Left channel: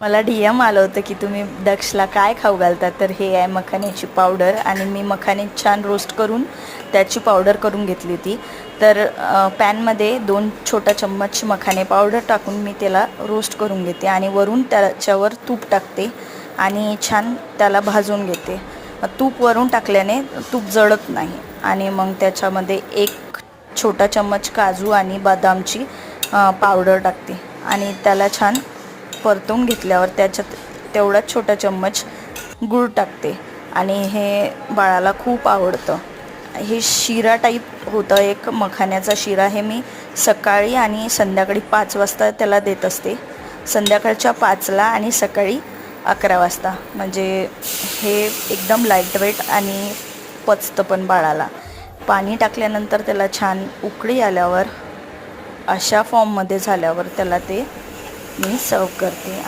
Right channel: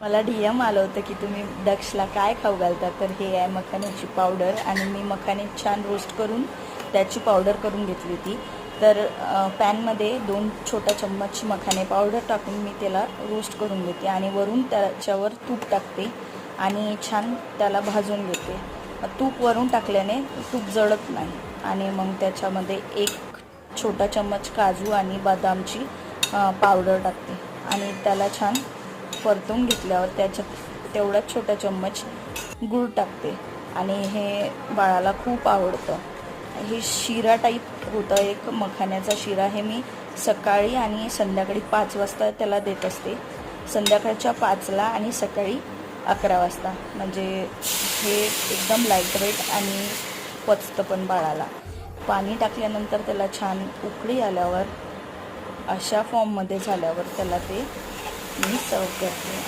मला DM आलं होतं की तुम्ही दक्षला काय खाऊ घालता, तर हे आहे मखाण्याची पावडर आणि मी मखाने छान रोस्ट करून त्याची पावडर करून घेतली होती. तर पॅनमध्ये 2 छोटा चम्मच मखाने पावडर टाकून मी त्याला रोस्ट करून घेते आणि वरून त्याच्यावर तूप टाकते आणि छान त्याला भाजून घेते. तूप वरून टाकल्याने तूप जळत नाही. आणि मग त्याच्यामध्ये 1 छोटा चम्मच काजू आणि बदामची पावडर टाकते आणि त्याला छान परतून घेतल्यावर त्याच्यात तेवढा छोटा चम्मच गूळ टाकते आणि हे बाळाला खूप आवडतं. हे शिरा टाईप होतं, एक मखाण्याचा शिरा. हे मी सकाळी आणि संध्याकाळी 5 वाजता त्याला देत असते. संध्याकाळच्या 5ला आणि सकाळी 11 वाजता. म्हणजे हे एकदम लाईटवेट आणि पचतं पण बाळाला. पाणी टाकल्यानंतर त्याला छान उकळी आल्यावर अशा फॉर्ममध्ये झाल्यावर त्याला ते मी सर्व करते.